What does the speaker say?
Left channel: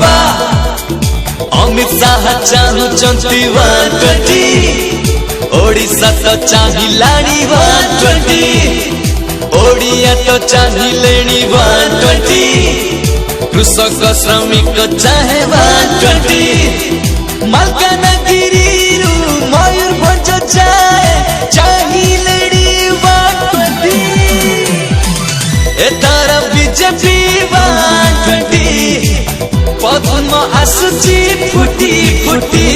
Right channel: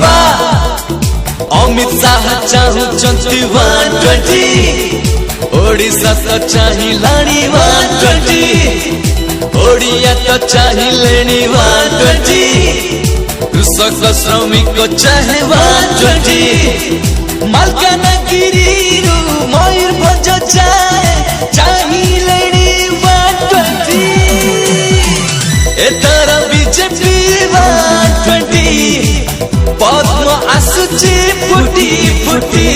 बा अमित शाह चाहन्छन् 120 ओडिसा त चाहिँ लाडी 120 ओडिया त चाहिँ लेडी 120 कृषक श्रमिक चाहे 120 मालकानगिरी मयूरभंज चाहिँ लेडी 120 एतर बीजेपी 120 पद्म आसुची फुटी फुटी